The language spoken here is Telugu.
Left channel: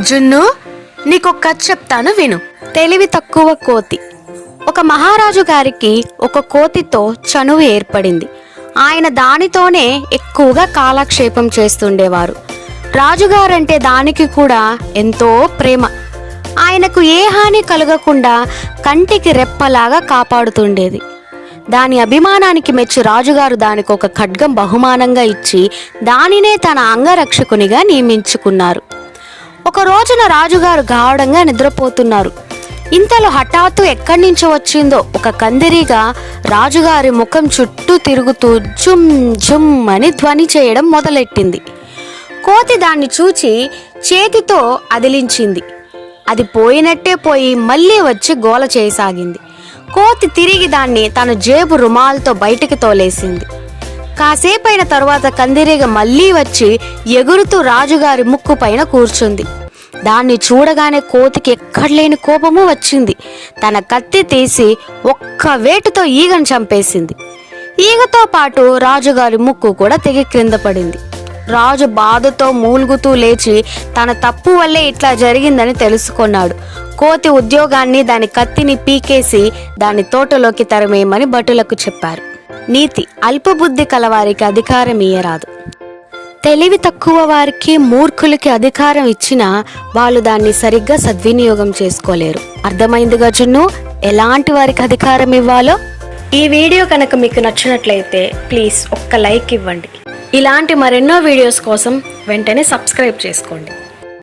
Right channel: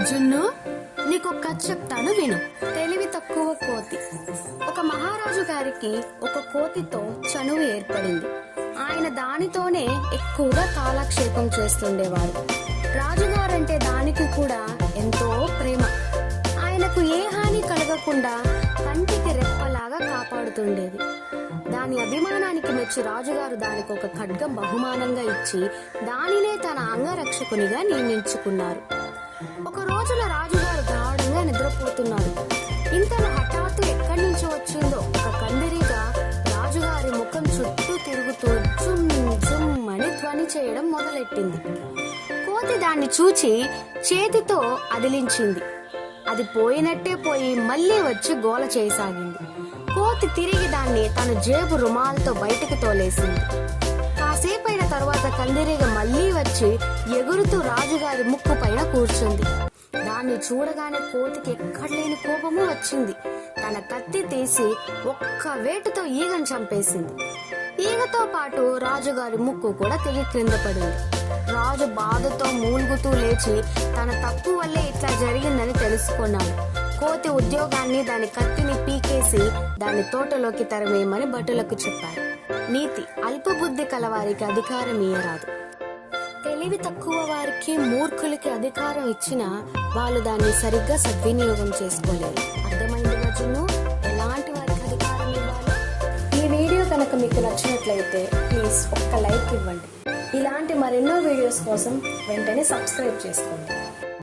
జున్ను నీకు కథ చెప్తాను విను. తెలివి తక్కువ కోతి. ఒక మహారాజు గారికి ఒక కోతితో చనువు ఏర్పడింది. ఆయన దానితోనే ఎక్కువగా కాలక్షేపం చేస్తుండేవారు. రాజుగారంటే దానికి కూడా ఎంతో ప్రేమ. ఆయనకు ఏ హాని కలగకుండా కంటికి రెప్పలాగా కాపాడుతుండేది. దాని అభిమానానికి మెచ్చి రాజుగారు దానికి ఒక ఖడ్గం బహుమానంగా ఇచ్చి దానినే తన అంగరక్షకునిగా నియమించుకున్నారు. ఒక రోజున రాజుగారు గాఢంగా నిద్రపోతున్నారు. ఇంతలో హఠాత్తు ఎక్కడి నుంచి వచ్చిందో ఒక కందిరీగా రాజుగారి ముఖం చుట్టూ తిరుగుతూ జుమ్ జుమ్ అని ధ్వని చేయడం మొదలెట్టింది. కోతి దాన్ని చూచి చేతితో అదిలించింది. అది పోయినట్టే పోయి మళ్ళీ వచ్చి గోల చేయసాగింది. కోతి తిరిగి దాన్ని తన జేబు రుమాలతో బయటికి తోలేసింది. కాసేపైన తర్వాత కందిరీగ మళ్ళీ వచ్చి ఎగురుతూ రాజుగారి ముక్కు పైన కూర్చుంది. దాన్ని చూడగానే కోతికి ఎక్కడలేని కోపము వచ్చింది. తన కత్తి తీసి ఒక్క వేటుతో ఈగను చంపేసింది. ఈగతో పాటు రాజుగారి ముక్కు కూడా తెగి క్రింద పడింది. రాజు బాధతో మూలుగుతూ లేచి తన తప్పు వల్లే ఇట్లా జరిగిందని తెలుసుకున్నాడు. కోతి ఉద్యోగాన్ని దాని కత్తిని పీకేసి దాని తోటలోకి తరమేయమని భటులకు చెప్పారు. నీతి అల్పబుద్ధి కలవారికి అధికారం ఇయ్యరాదు. తెలివి తక్కువ వారికి మూర్ఖులకి అధికారం ఇచ్చినా వాళ్ళు దాన్ని సరిగ్గా సద్వినియోగం చేసుకోలేరు. అర్థమైందిగా జున్ను ఎలాంటి వారికి అధికారం ఇవ్వాలో? ఈ వీడియో కనుక మీకు నచ్చినట్లయితే ప్లీజ్ ఒక్క లైక్ ఇవ్వండి. ఇలాంటి మరెన్నో వీడియోస్ కోసం వెంటనే సబ్స్క్రైబ్ చేసుకోండి.